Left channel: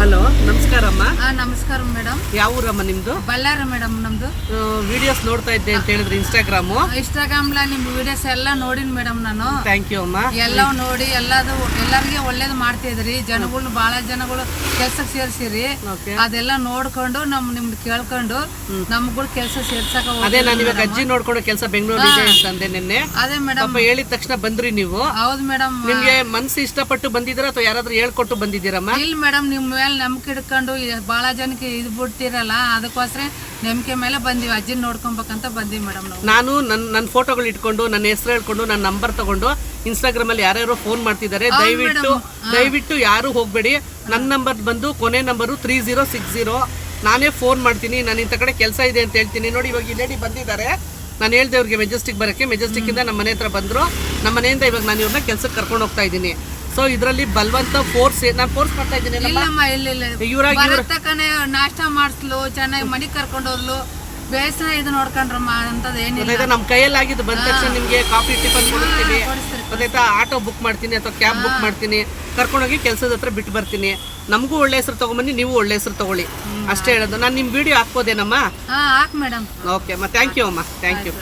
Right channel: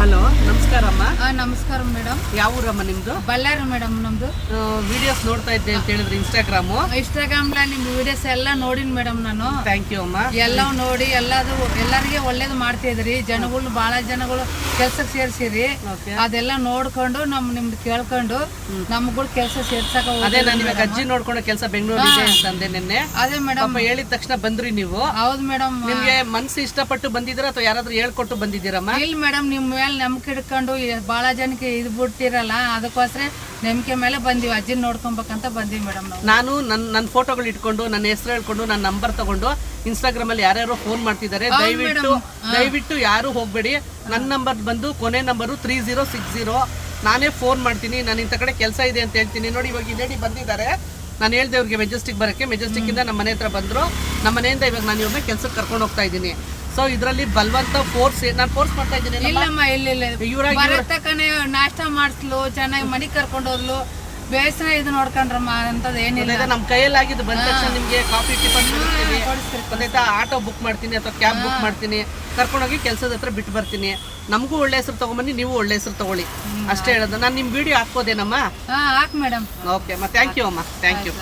Hello, ನಮಸ್ಕಾರಮ್ಮ. ನಮಸ್ಕಾರ madam. ಯಾವ ಊರಮ್ಮ ನಿಮ್ದು? ಬಳ್ಳಾರಿ ಮೇಡಮ್ ನಮ್ದು. ವಿಡಿಯೋಸ್ ನೋಡ್ತಾ ಇದ್ದೆ ಅಂತ ಹೇಳಿದ್ರೆ ಇನ್ಸ್ಟಾಗ್ರಾಮ್ ನಿಮ್ ವಿಡಿಯೋಸ್ ಎಲ್ಲ ನೋಡಿನ್ ಮೇಡಮ್ ನಾನು. ಥ್ಯಾಂಕ್ ಯು ಅಮ್ಮ. ಎಲ್ಲ ನೋಡಿ ಎಲ್ಲರಿಗೆ ಒಳ್ಳೇದು ಮಾಡ್ತಿದ್ರಿ. ಜನಗಳು ಬಹಳ ಜನಗಳು ಕೆಲ್ಸಕ್ಕೆ ಸೇರ್ಸಿರಿ. ಅದೆಲ್ಲ ನೋಡ್ಕೊಂಡು ನಿಮ್ದು ಕೇಳ್ಕೊಂಡು ನಮ್ಗಳು ಕೆಲಸ ಸೇರ್ಸಕ. ಅದೇ ನಾನು ಇವಾಗ ಅಜ್ಜಿ ನೋಡ್ಕೊಂಡು ಕೆಲಸ ಬೆಂಗಳೂರಿಗೆ ಅಂತಂದೆ ನಿನ್ನೆ. ಅದೇ ಮೇಡಮ್ ಹೇಳಿದ ತಕ್ಷಣ ಬಂದ್ರಿ ನೀವು. ಹೌದು ಮೇಡಮ್. ನಿಮ್ಗೆ ಮನ್ಸು ಇಷ್ಟಪಟ್ಟು ಬಂದಿದ್ದೀರಾ ಅಥವಾ ಯಾರಾದ್ರೂ ಹೇಳ್ಕೊಟ್ಟು ಬಂದಿದ್ದೀರಮ್ಮ? ಇಲ್ಲ ಮೇಡಮ್, ನಿಮ್ ಮೇಲೆ ನಂಬಿಕೆ ಇಟ್ಕೊಂಡು ಬಹಳ ಜನಕ್ಕೆ ಇದು ಬಿಡ್ತಿರಲ್ಲ, ಅದಕ್ಕೋಸ್ಕರ ನಂಬಿಕೆ ಮೇಲೆ ಬಂದಿವಿ. ಅಜ್ಜಿನ ನೋಡ್ಕೊಬೇಕಂತ ಬಂದಿವಿ ಮೇಡಮ್ ನಾವು. ನಾನು ನನ್ನ ಫೋಟೋಗಳು ಇಟ್ಕೊಂಡು ನನ್ನ ಹೆಸರು ಹೇಳ್ಕೊಂಡು ನನ್ನ ನಂಬರ್ ತಗೊಂಡು ಇನ್ಸ್ಟಾಗ್ರಾಮ್ ಅಲ್ಲಿ ಯಾರ್ಯಾರೋ ಫೋನ್ ಮಾಡ್ತಿದ್ದಾರೆ. ದಯವಿಟ್ಟು ಯಾರು ಹೋಗ್ಬೇಡಿ. ನನ್ನ ನಂಬರ್ ಬಂದು ಕೊನೆ ನಂಬರು 3060. ನಾನೇ ಫೋನ್ ಮಾಡ್ತೀನಿ. ನಾನು ಇಂಥ ಕಡೆ ಕೆಲಸ ಇದೆ ಅಂತ ಹೇಳ್ತೀನಿ. ನೋಡಿ, ಇವಾಗ ಈ ಲೇಡಿ ಬಂದಿದ್ದಾರೆ. ನಾನು ಹೇಳ್ದೆ ಅವ್ರಿಗೆ ಮೆಜೆಸ್ಟಿಕ್ ಬರೋಕ್ಕೆ. ಮೆಜೆಸ್ಟಿಕ್ಕಿಂದ ನಮ್ಮ ಮನೆ ಹತ್ರ ಬಂದರು. ನಮ್ಮ ಮನೆಯಿಂದ ಇವಾಗ ನಾನು ಇವ್ರನ್ನ ಕೆಲಸಕ್ಕೆ ಕರ್ಕೊಂಡು ಹೋಗ್ತಾ ಇದ್ದೀನಿ. ಸೊ ಇದರಲ್ಲಿ ಬಲವಂತ ನಾನು ಫೋರ್ಸ್ ಮಾಡ್ತಾ ಇದ್ದೀನಿ. ನಾಷ್ಟ ಮಾಡಿಸ್ಲು, ಚೆನ್ನಾಗಿ ಮನೆ ಕರ್ಕೊಂಡು ಹೋದ್ಲು, ಬೇಸರ ಇದು ನೋಡ್ಕೊಂಡ್ರಮ್ಮ ಅಂತದ್ ಏನಿಲ್ಲ. ನಮ್ಮ ಕೈಯಲ್ಲಾಗಿದ್ದು ಬಂದ ತಕ್ಷಣ ನಿಮ್ಗೆ ಕಾಫಿ ಟಿಫನ್ ಕೊಡ್ತೀನಿ, ಗೊತ್ತಾಯ್ತಾ? ಆಟೋ ಬುಕ್ ಮಾಡ್ತೀನಿ ಅಥವಾ ಕ್ಯಾಬ್ ಬುಕ್ ಮಾಡ್ತೀನಿ, ಕರ್ಕೊಂಡೋಗಿ ಕೆಲಸದ ಹತ್ರ ಬಿಟ್ಟು ಬರ್ತೀನಿ. ನಮಗೂ ಒಳ್ಳೆ ಹೆಸರು ತಗೊಂಬನ್ನಿ, ನೀವು ಒಳ್ಳೆ ಹೆಸರು ತಗೊಳ್ಳಿ, ಅಷ್ಟೇ ಹೇಳೋದು. ನಾನು ನಿಮ್ಮ ವಿಡಿಯೋ ಹಾಕ್ಬೋದೇನಮ್ಮ? ಹಾಕ್ ಮೇಡಮ್. ಓಕೆ ಅಮ್ಮ, ಥ್ಯಾಂಕ್ ಯು ಅಮ್ಮ, ಥ್ಯಾಂಕ್ ಯು.